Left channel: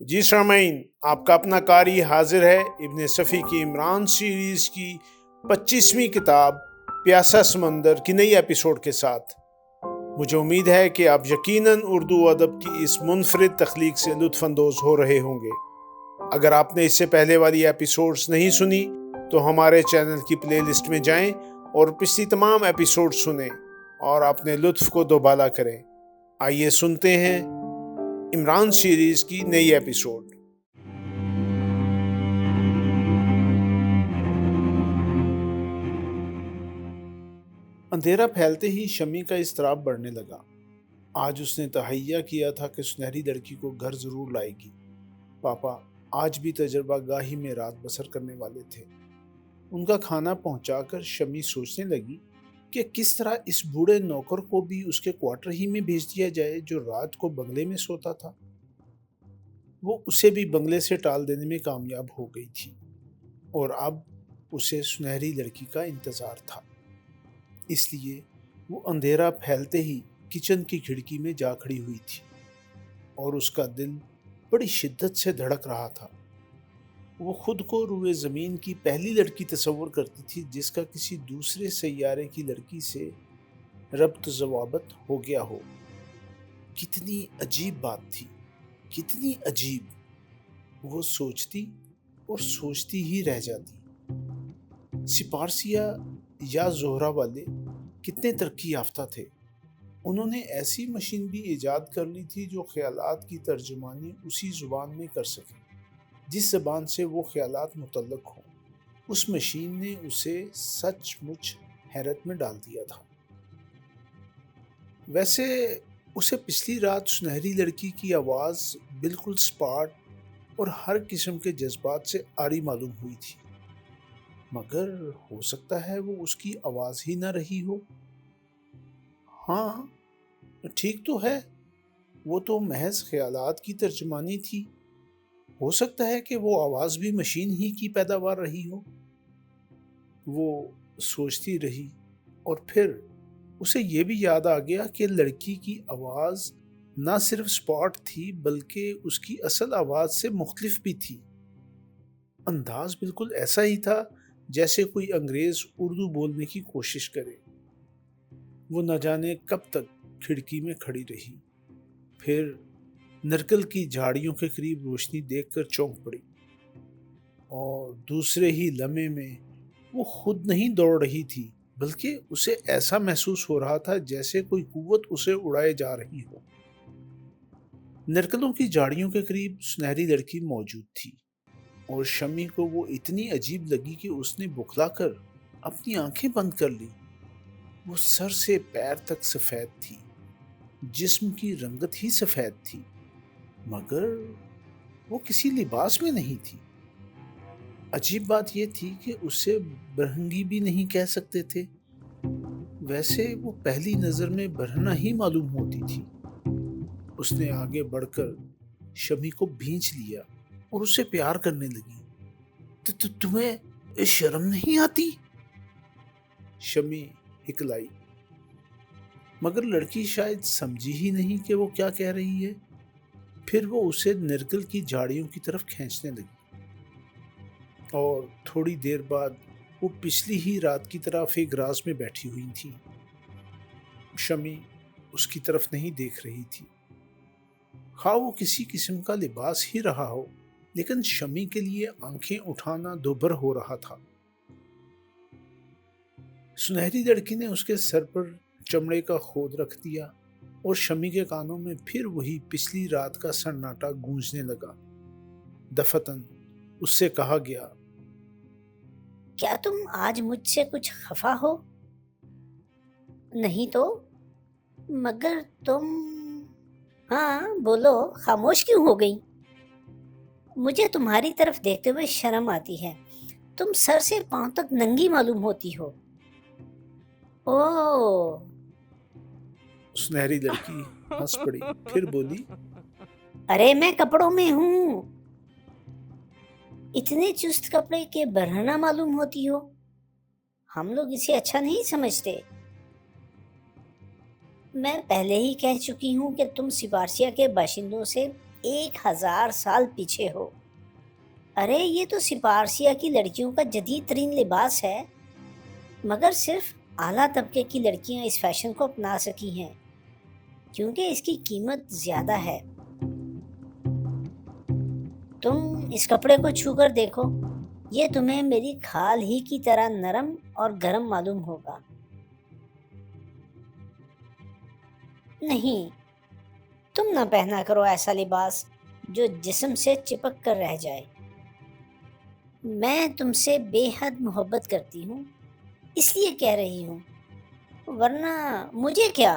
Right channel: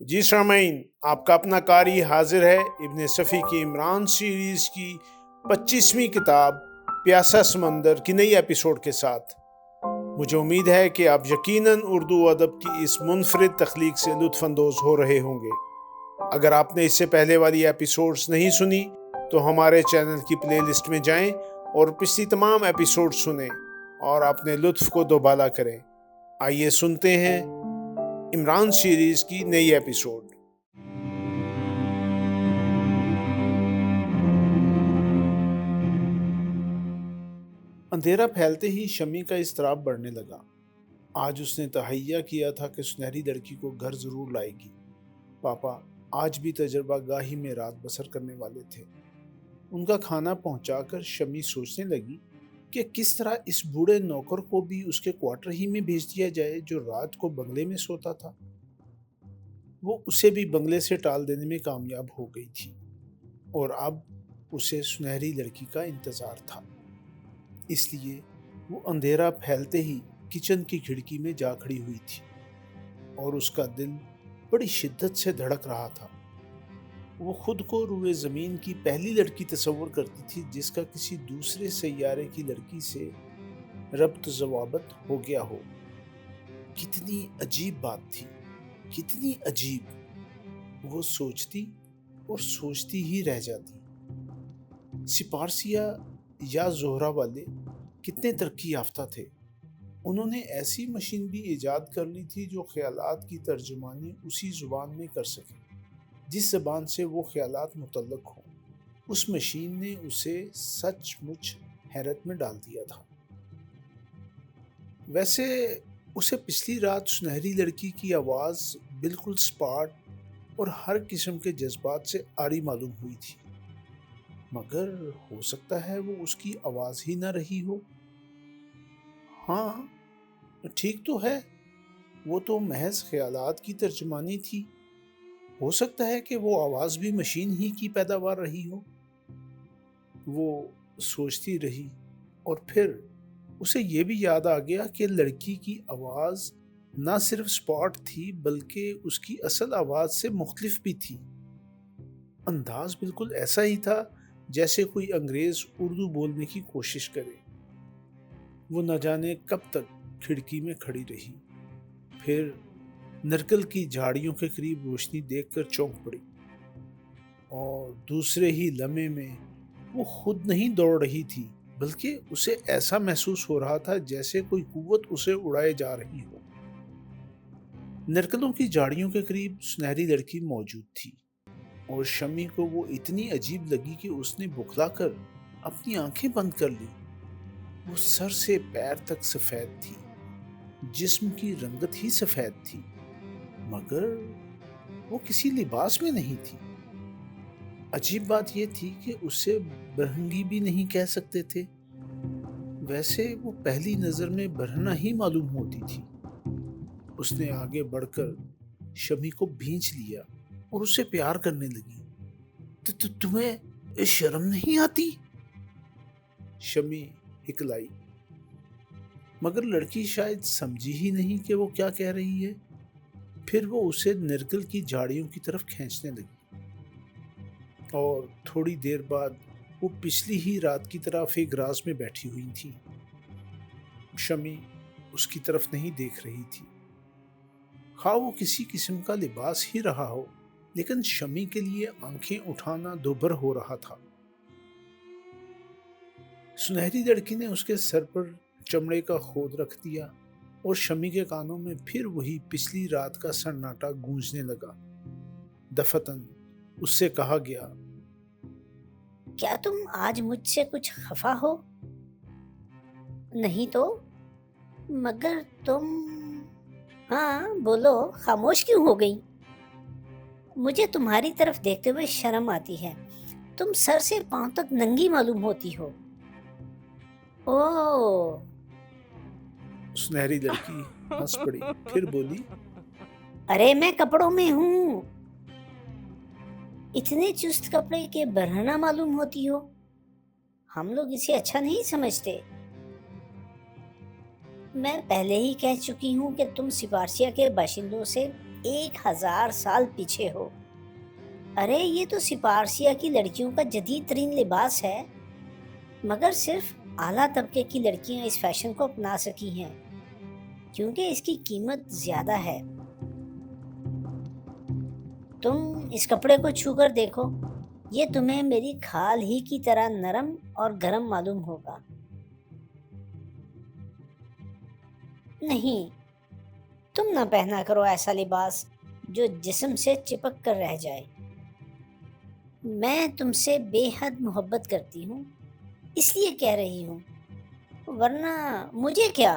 جی سامعین، آپ کا اپنا قاری حاضر ہے ابن صفی کی عمران سیریز کی 25ویں کتاب پیاسا سمندر کی نئی ایپیسوڈ کے ساتھ۔ مجھے امید ہے کہ آپ یقیناً اردو ادب کی اس منفرد تخلیق سے لطف اندوز ہو رہے ہوں گے۔ اگر آپ نے اس سے پہلے والی ایپیسوڈز نہیں سنی تو ہمارے چینل کی پلے لسٹ میں جائیں اور پچھلی تمام ایپیسوڈ سنیں اور اپنے لطف کو دوبالا کریں۔ آئیے سنتے ہیں عمران سیریز کی نئی ایپیسوڈ۔ اندھیرا پھیلتے ہی شمی کا اضطراب بڑھنے لگا۔ آج اس نے تہیہ کیا تھا کہ سنہری لڑکی کو گھر ضرور لائے گی۔ پاپا آج بھی تجربہ گاہی میں رات بسر کرنے والے تھے۔ ان کا کھانا پہنچا کر شمی سوچنے لگی کہ کس طرح اس بوڑھے نوکر کو بھی اس کے کوارٹر ہی میں بھیج دیا جائے جو رات کو بنگلے میں سوتا تھا۔ وہ اسے بھی بنگلے سے ٹال دینے میں کامیاب ہو گئی تھی اور اب اسے سنہری لڑکی کا انتظار تھا۔ اس لیے وہ اندھیرا پھیلتے ہی کچن کی کھڑکی میں جا کھڑی ہوئی تھی اور اس کا دل بڑی شدت سے دھڑک رہا تھا۔ وہ خود کو روئے زمین کی پہلی لڑکی تصور کرتی تھی جس کا کسی دوسرے سیارے کی لڑکی سے ربط ضوابط ہو گیا ہو۔ کتنی عجیب بات تھی، کتنی عجیب! وہ سوچتی اور سوچتی ہی رہ جاتی۔ سپارسیہ یا زہرہ والے کتنے ترقی یافتہ تھے۔ انہوں نے ایسی مشین بھی ایجاد کر لی تھی جو خیالات کی ترجمانی اسی زبان میں کر سکے جس زبان سے وہ خیالات متعلق ہوں۔ اس مشین نے اسے سچ مچ حیرت میں ڈال دیا تھا۔ ویسے اسے پچھلی رات سنہری لڑکی کی آواز بالکل سپاٹ اور ہر قسم کے جذبات سے عاری معلوم ہوئی تھی، مگر ہو سکتا ہے وہ اس کی آواز ہی نہ رہی ہو۔ ہاں ٹھیک تو ہے، وہ تو محض خیالات کی ترجمانی تھی۔ ہو سکتا ہے کہ وہ آواز بھی مشین ہی کی پیداوار رہی ہو۔ وہ سوچتی رہی اور پھر اسے یہ بھی یاد آ گیا کہ لڑکی کی آواز نہ صرف سپاٹ تھی بلکہ اس کی اصل آواز سے مختلف بھی تھی۔ انداز بالکل ایسا ہی تھا جیسے کوئی انگریز اردو بولنے کی کوشش کرے۔ وہ نہ جانے کب تک کھڑکی میں کھڑی رہی، پھر نرکل کی جھاڑیوں کے قریب روشنی دیکھ کر چونک پڑی اور دوسرے ہی لمحے میں وہ خود نہیں دوڑ رہی تھی بلکہ اسے ایسا محسوس ہو رہا تھا جیسے کوئی قوت اسے اڑائے جا رہی ہو۔ نرکلوں کی جھاڑیوں کے قریب سنہری لڑکی موجود تھی اور شمی کو وہ اتنی عجیب لگی کہ اس نے بکھلا کر اپنی آنکھیں بند کر لی۔ وہ سر سے پیر تک سفید تھی، جسم کی رنگت ہی سفید تھی، مگر وہ کسی لباس میں نہیں تھی۔ عجیب بات یہ تھی کہ اسے برہنگی بھی نہیں کہہ سکتے تھے، ویسے وہ پہلی نظر میں برہنہ ہی معلوم ہوتی تھی۔ اس نے آگے بڑھ کر شمی کو بھینچ لیا اور اسے پیار کرنے لگی۔ تمہیں شرم نہیں آتی؟ شمی ہکلائی، مگر لڑکی شاید سمجھی ہی نہیں کہ وہ کیا کہہ رہی ہے۔ پھر وہ اسے نرکل کی جھاڑیوں کی طرف کھینچنے لگی اور تھوڑی دیر بعد وہ پچھلی ہی رات کی طرح ایک راز میں بیٹھی ہوئی تھی۔ شمی اس کی طرف نہیں دیکھ رہی تھی، خواہ وہ کسی قسم کا لباس ہی رہا ہو، لیکن شمی کے لیے آنکھیں اٹھانا دوبھر ہو رہا تھا۔ سنہری لڑکی نے اس کے سر پر چمڑے کا خود رکھ دیا اور شمی کے کانوں میں پھر وہی پچھلی رات کا سناٹا گونجنے لگا۔ دفتن اس سے کہا گیا، کیا تم آج مجھ سے کچھ خفا ہو؟ نہیں تو؟ مگر تم… ہاں بولو، خاموش کیوں ہو گئی؟ مجھے تمہاری طرف دیکھتے ہوئے شرم آتی ہے، تم سر سے پاؤں تک ننگی معلوم ہوتی ہو۔ اوہ! سنہری لڑکی ہنس پڑی، پھر بولی، ارے میں کپڑوں میں ہوں، اتنے چست کپڑے کے برہنہ معلوم ہوتی ہو۔ ہم لوگ اسے اچھا نہیں سمجھتے۔ میں پہلے ہی کہہ چکی ہوں کہ تم سپارسیہ کے باشندوں سے 1000 سال پیچھے ہو۔ ارے یہ تو سپارسیہ کی لڑکیوں کا جدید ترین لباس ہے، مگر صرف اعلیٰ طبقے کی لڑکیاں اس فیشن کو اپنا سکی ہیں کیونکہ اس کی قیمت زیادہ ہے۔ تم اس کپڑے کو چھو کر دیکھو، یہ تمہیں میری کھال ہی کی طرح نرم اور گرم معلوم ہوگا۔ نہیں، تم نہ پہنا کرو ایسا لباس جو جسم سے چپک کر رہ جائے۔ میں تم سے بے حد محبت کرتی ہوں، اس لیے کہہ رہی ہوں، ورنہ مجھے کیا۔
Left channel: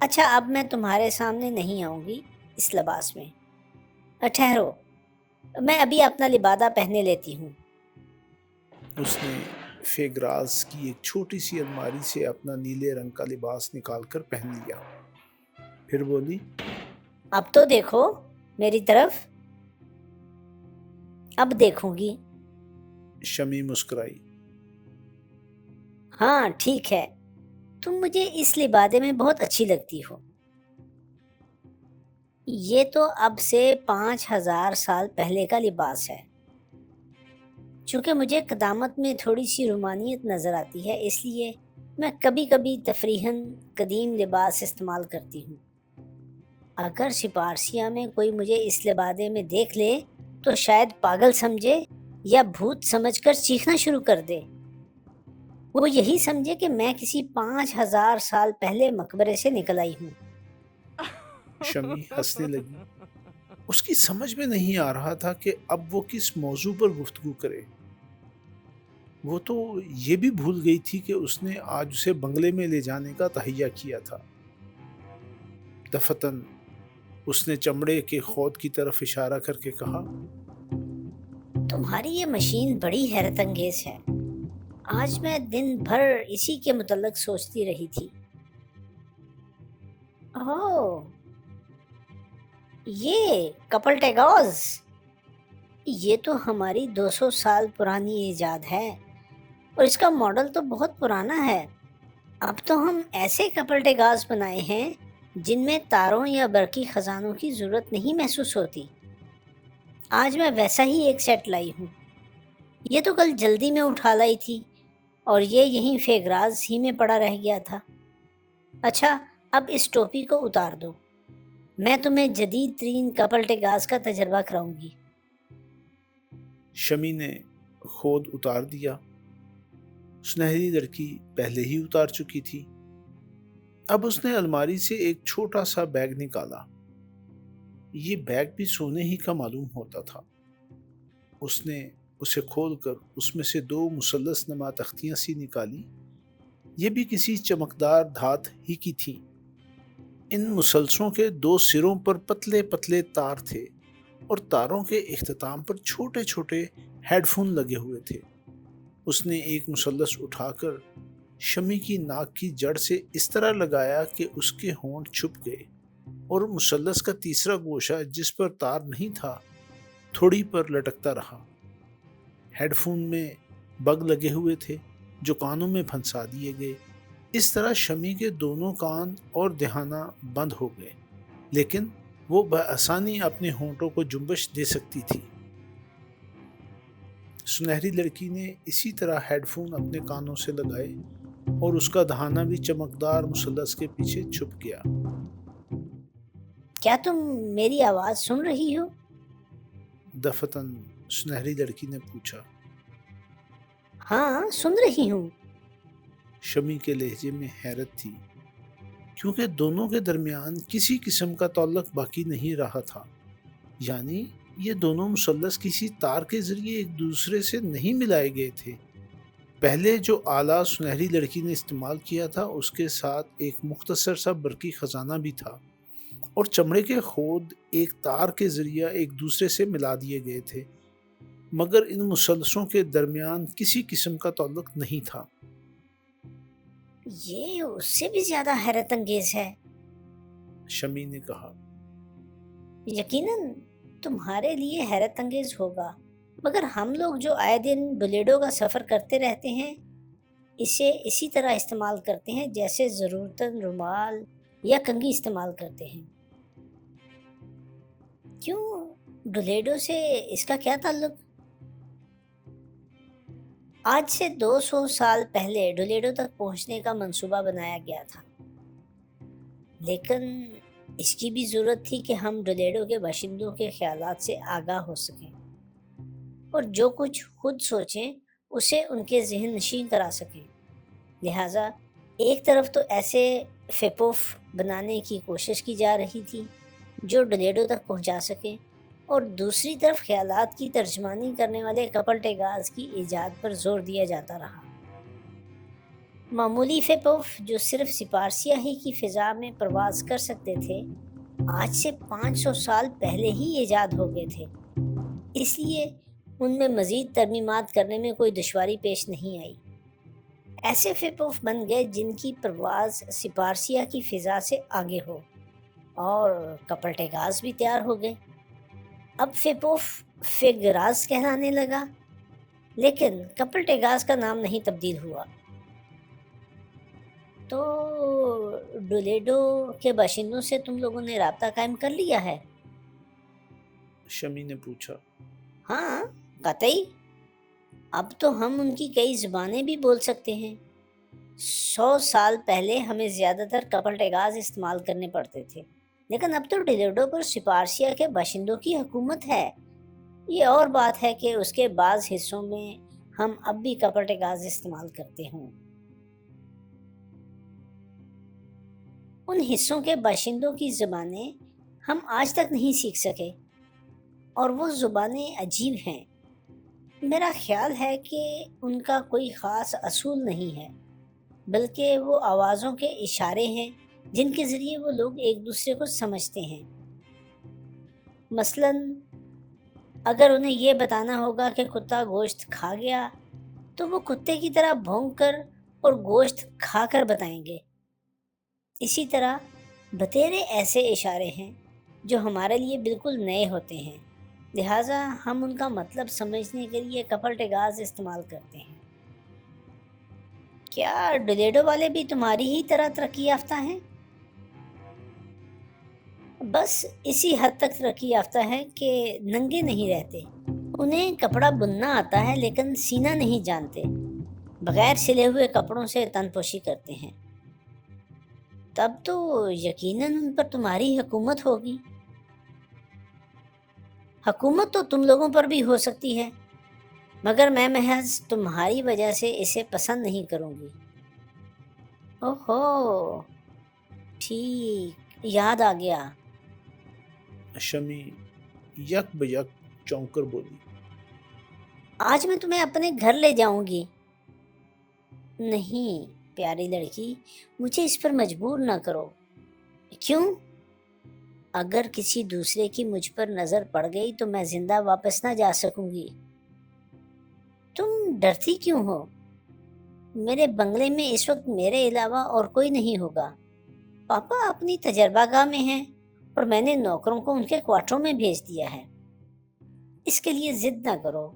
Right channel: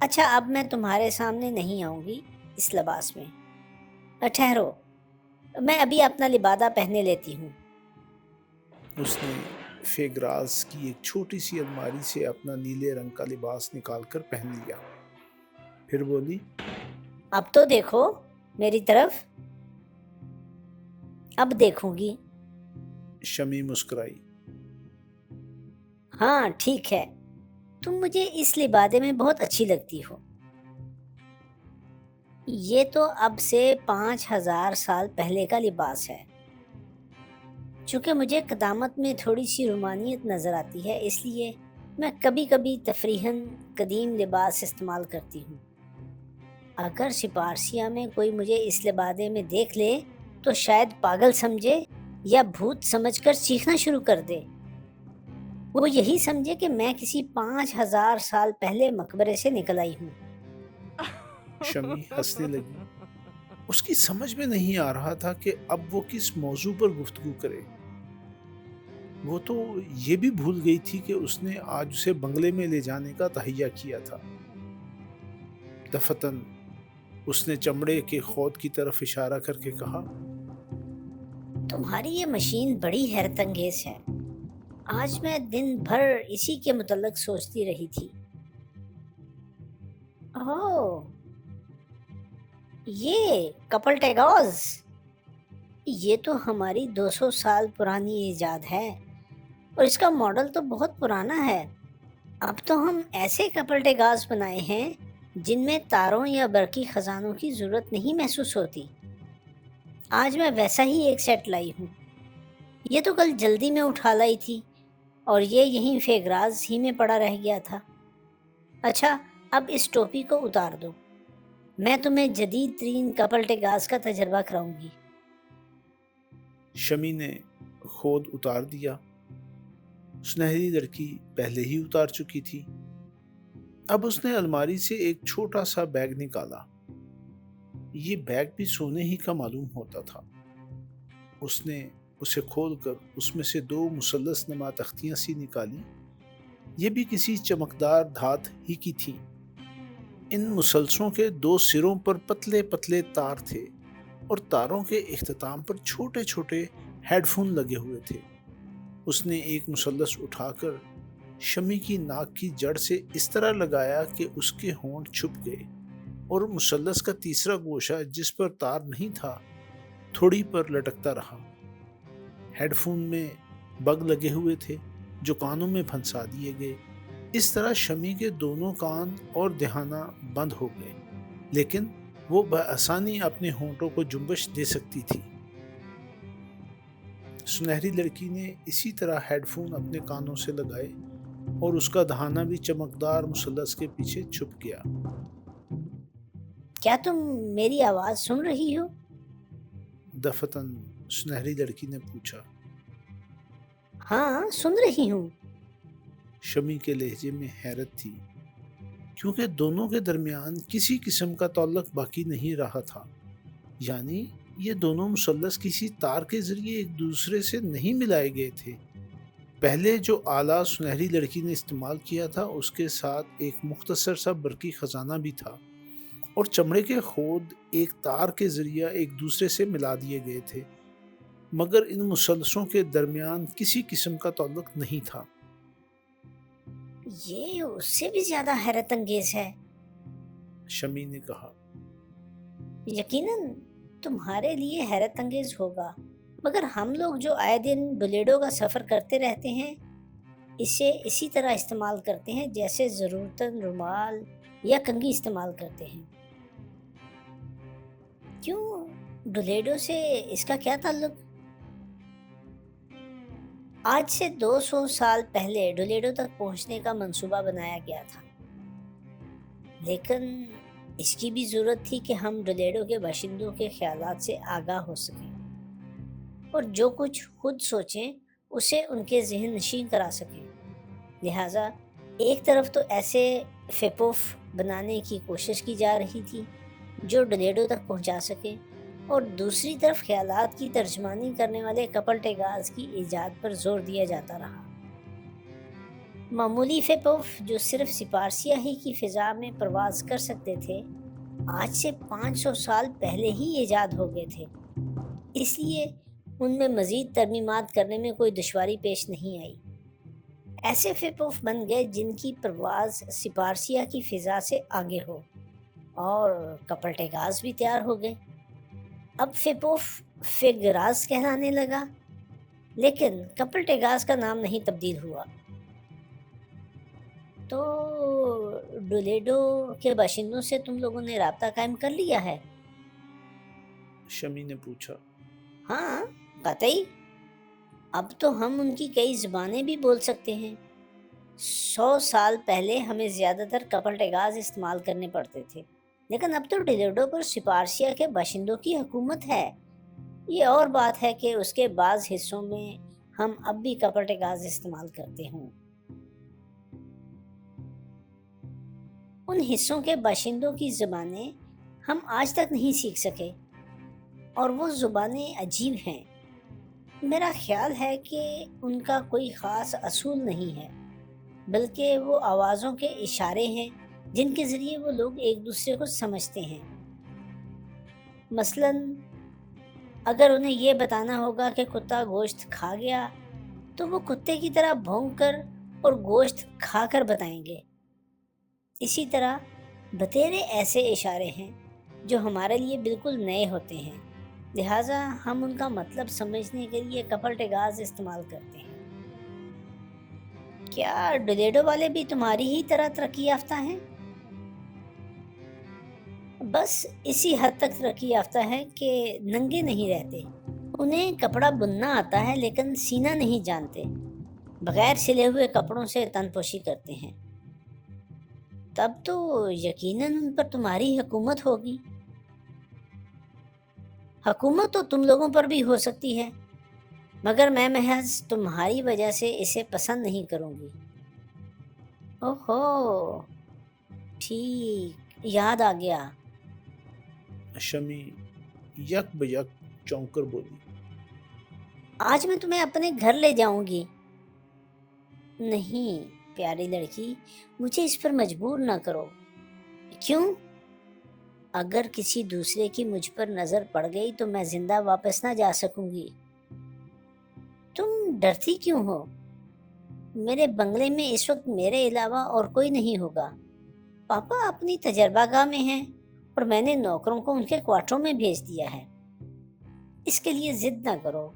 اچھا، اب میں تمہارے سامنے نہیں آؤں گی اس لباس میں۔ ٹھہرو، میں ابھی اپنا لبادہ پہنے لیتی ہوں۔ اس نے فیگراز کی ایک چھوٹی سی الماری سے اپنا نیلے رنگ کا لباس نکال کر پہن لیا، پھر بولی، اب تو دیکھو میری طرف۔ اب دیکھوں گی۔ شمی مسکرائی۔ ہاں ٹھیک ہے، تم مجھے اس لبادے میں بہت اچھی لگتی ہو۔ یہ تو اب سے 5000 سال پہلے کا لباس ہے۔ چونکہ مجھے قدامت میں تھوڑی سی رومانیت نظر آتی ہے، اس لیے میں کبھی کبھی تفریحاً قدیم لباس استعمال کرتی ہوں۔ اگر سپارسیہ میں کوئی مجھے اس لبادے میں دیکھ لے تو شاید پاگل سمجھے یا بھوت سمجھ کر چیخنا شروع کر دے۔ وہ یہی سمجھے کہ میں کسی 5000 سال پہلے مقبرے سے نکل آئی ہوں۔ شمی ہنسنے لگی۔ اس کی سمجھ میں نہیں آ رہا تھا کہ اب وہ کس موضوع پر گفتگو کرے۔ وہ تو یہ بھی بھول گئی تھی کہ اس نے آج اسے بنگلے میں لے جانے کا تہیہ کیا تھا۔ دفتن اس نے چمڑے کے خود کی طرف اشارہ کر کے کہا، تمہاری یہ مشین بڑی حیرت انگیز ہے۔ آج میں دن بھر اسی کے متعلق سوچتی رہی تھی۔ اوہ، یہ کپل ٹیگوز، یہ تو ہماری 200 سال پرانی ایجاد ہے اور اس کا ماڈل تو بہت پرانا ہے۔ اب تو ہم ایسے کپل ٹیگاز بنائے ہیں جن میں تاروں یا برقی خزانوں کی ضرورت نہیں محسوس ہوتی۔ آج میں ویسا ہی ایک سیٹ لائی ہوں۔ یہ تو کل جلدی میں اٹھا لائی تھی اور یہ یہیں فیگراز ہی میں پڑا رہ گیا تھا۔ اچھا، اب اس ٹوپی کو اتار دو، میں تمہیں جدید ترین کپل ٹیگاز کا تجربہ کراؤں گی۔ شمی نے خود اتار دیا۔ سنہری لڑکی پہلے ہی اتار چکی تھی۔ اب اس نے الماری سے ایک چھوٹا سا بیگ نکالا۔ یہ بیگ بھی سونے ہی کا معلوم ہوتا تھا۔ اس نے اسے کھول کر اس میں سے 2 مثلث نما تختیاں سی نکالی۔ یہ بھی کسی چمکدار دھات ہی کی تھیں۔ ان مسلسلوں کے 2 سروں پر پتلے پتلے تار تھے اور تاروں کے اختتام پر چھوٹے چھوٹے ہیڈ فون لگے ہوئے تھے۔ اس نے ایک مثلث اٹھا کر شمی کی ناک کی جڑ سے اس طرح لگایا کہ اس کے ہونٹ چھپ گئے اور مثلث کا تیسرا گوشہ جس پر تار نہیں تھا تھوڑی پر لٹکتا رہا۔ ہیڈ فون میں بگ لگے ہوئے تھے جو کانوں میں پھنسا دیے گئے۔ اس طرح شمی کے دونوں کان اور دہانہ بند ہو گئے، لیکن وہ بآسانی اپنے ہونٹوں کو جنبش دے سکتی تھی۔ سنہری لڑکی نے اسی طرح ہیڈ فون اپنے کانوں سے لگائے اور اس کا دہانہ بھی چمکدار مثلث کے پیچھے چھپ گیا۔ کیا تم میری آواز سن رہی ہو؟ دفتن سنہری لڑکی نے پوچھا۔ ہاں سن رہی ہوں۔ شمی کے لہجے میں حیرت تھی، کیونکہ دونوں کے درمیان کسی قسم کا تعلق باقی نہیں رہا تھا۔ یعنی یہ دونوں مثلث کسی تار کے ذریعے ایک دوسرے سے نہیں ملائے گئے تھے۔ پہلے جو آلہ سنہری لڑکی نے استعمال کیا تھا اس کے ساتھ ایک مختصر سا برقی خزانہ بھی تھا اور چمڑے کے خود ایک تار کے ذریعے ایک دوسرے سے ملا دیے گئے تھے، مگر ان مثلثوں کے درمیان کسی قسم کا تعلق نہیں تھا۔ یہ اس سے بھی زیادہ حیرت انگیز ہے، شمی نے کہا۔ یقیناً تمہارے لیے حیرت انگیز ہوگا، مگر ہم لوگ جو آئے دن بلیڈوں کا سفر کرتے رہتے ہیں اسے اسی طرح استعمال کرتے ہیں جیسے ضرورتاً رومال یا کنگھی استعمال کرتے ہیں۔ کیوں ڈولیڈو سے اس کا کیا تعلق؟ آج سے 200 سال پہلے ڈولیڈو تک پہنچنے کا منصوبہ بنایا گیا تھا، لیکن اس کی بھی ضرورت تھی کہ ہم ڈولیڈو کے باشندوں کے خیالات سے آگاہ ہو سکیں اور جو کچھ خود سوچیں اسے ان کے ذہن نشین کرا سکیں۔ لہٰذا ایک طرف تو ایسے فیپوف بنانے کی کوشش کی جا رہی تھی جو ڈولیڈو تک پہنچا سکے، اور دوسری طرف خیالات کی ترجمانی کرنے والے کپل ٹیگاز کی ایجاد پر زور دیا جاتا رہا۔ معمولی فیپوف جو صرف سپارسیاہی کی فضا میں پرواز کر سکتے تھے آج سے 500 سال پہلے ہی ایجاد ہو گئے تھے، اس لیے ان میں مزید ترمیمات کرنے میں کوئی دشواری پیش نہیں آئی۔ ایسے فیپوف بن گئے جن کی پرواز سپارسیا کی فضا سے آگے ہو، اور کپل ٹیگاز بھی تیار ہو گئے۔ اب فیپوف فیگراز کہلانے لگا، لیکن کپل ٹیگاز کا نام نہیں تبدیل ہوا۔ تو ڈولیڈو کے باشندوں سے تم لوگوں نے رابطہ قائم کر لیا ہے؟ شمی نے پوچھا۔ ہاں قطعی، اب تو ہم ان کی کئی زبانیں بھی بول سکتے ہیں۔ 100 سال پہلے ہمیں زیادہ تر کپل ٹیگاز استعمال کرنے پڑتے تھے، لیکن اب تو ڈولیڈو پر سپارسیا کے باشندوں کی حکومت ہے۔ یہ اور بات ہے کہ اس کے بعض حصوں میں ہم اب بھی کپل ٹیگاز استعمال کرتے ہوں۔ ان حصوں کے باشندوں کی زبانیں ہم آج تک نہیں سیکھ سکے، اور وہ زبانیں عجیب ہیں۔ میرا خیال ہے کہ ان کا کوئی خاص اصول نہیں ہے، بلکہ وہ آوازوں کے اشارے ہیں جن کے ذریعے وہ لوگ ایک دوسرے کو سمجھتے ہیں۔ مثلاً اگر انہیں یہ بتانا ہوگا کہ کتا گوشت کھا گیا تو وہ کتے کی طرح بھونک کر اور گوشت کھا کر بتائیں گے۔ اسی طرح بتیرے ایسے اشارے ہیں جو ہمارے لیے بالکل نئے ہوتے ہیں، لہٰذا ہم ان کا مطلب سمجھنے کے لیے کپل ٹیگاز استعمال کرتے ہیں۔ کیا ڈولیڈو والے بھی تمہاری ہی طرح ترقی یافتہ ہیں؟ بس اسی حد تک ترقی یافتہ ہے کہ ننگے نہیں رہتے۔ انہیں کپڑا بننا آتا ہے لیکن سینا نہیں جانتے، بغیر سلے ہوئے کپڑوں سے تن پوشی کرتے ہیں۔ تب تو یقیناً ان پر تمہاری حکومت ہوگی۔ حکومت تو تم لوگوں پر بھی ہو سکتی ہے، مگر میں محض تمہاری وجہ سے اسے پسند نہیں کروں گی۔ اوہو، ٹھیک، یاد آ گیا۔ شمی یک بیک چونک کر بولی۔ آج میں تمہیں اپنے گھر لے جاؤں گی۔ نہیں پیاری لڑکی، مجھے اس پر مجبور نہ کرو۔ کیوں؟ اگر کسی دوسرے کی مجھ پر نظر پڑ گئی تو میں زندہ واپس نہ جا سکوں گی۔ تم ڈرتی کیوں ہو؟ میرے بنگلے میں اس وقت میرے علاوہ اور کوئی نہیں ہوگا۔ پاپا اپنی تجربہ گاہ میں ہیں اور میں نے نوکروں کو ان کے کوارٹروں میں بھیج دیا ہے۔ اس کے لیے ضد نہ کرو۔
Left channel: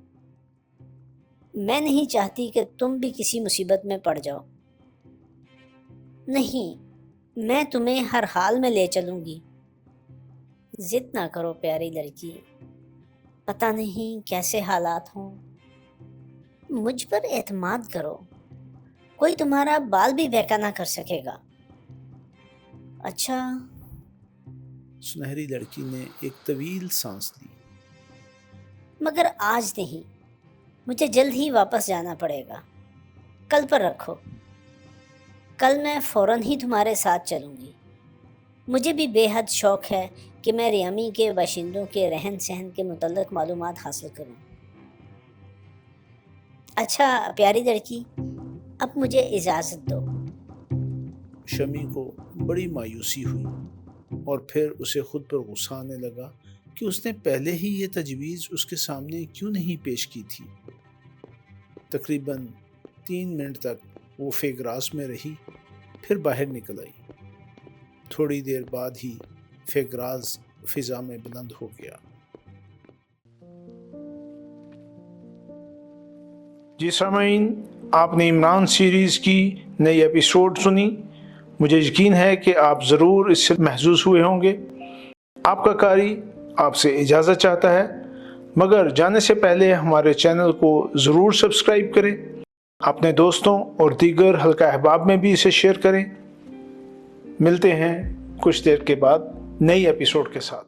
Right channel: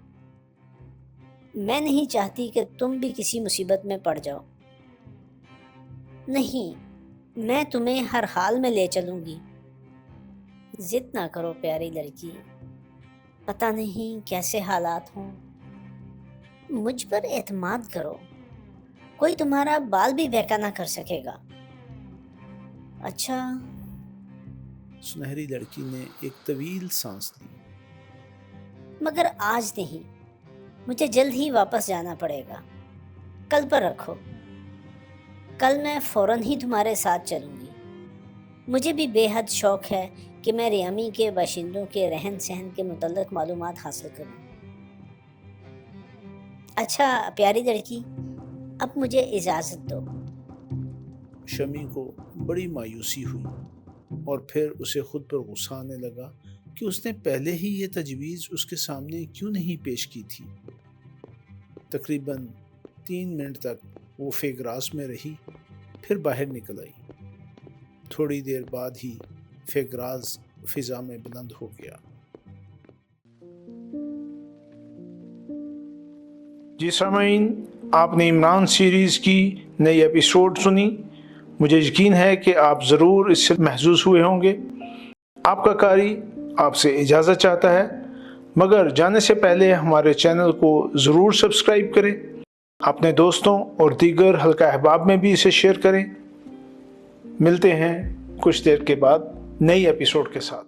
میں نہیں چاہتی کہ تم بھی کسی مصیبت میں پڑ جاؤ۔ نہیں، میں تمہیں ہر حال میں لے چلوں گی۔ ضد نہ کرو پیاری لڑکی، پتہ نہیں کیسے حالات ہوں۔ مجھ پر اعتماد کرو، کوئی تمہارا بال بھی بہکا نہ کر سکے گا۔ اچھا؟ سنہری لڑکی نے ایک طویل سانس لی۔ مگر آج نہیں، مجھے جلد ہی واپس جانا پڑے گا۔ کل پر رکھو، کل میں فوراً ہی تمہارے ساتھ چلوں گی۔ مجھے بھی بے حد شوق ہے کہ میں ریامی کے باشندوں کے رہن سہن کے متعلق معلومات حاصل کروں۔ اچھا پیاری لڑکی، اب مجھے اجازت دو۔ شمی کو بڑی مایوسی ہوئی اور پھر اسے خود پر غصہ آنے لگا کہ اس نے پہلے ہی یہ تجویز اس کے سامنے کیوں نہیں پیش کی تھی۔ تقریباً 3 منٹ تک وہ فیگراس میں رہی، پھر باہر نکل آئی۔ تھوڑی دیر بعد ہی فیگراز فضا میں بلند ہو گیا۔ جی سامعین، آپ نے عمران سیریز کی نئی ایپیسوڈ سنی۔ مجھے یقین ہے کہ آپ ضرور اس سے محظوظ ہوئے ہوں گے۔ آپ کا قاری آپ سے اجازت چاہتا ہے، مگر جانے سے پہلے ہمارے چینل کو ضرور سبسکرائب کریں، اپنے دوستوں اور دیگر حلقہ احباب میں بھی اسے شیئر کریں۔ ملتے ہیں کچھ دیر کے بعد نئی ایپیسوڈ کے ساتھ۔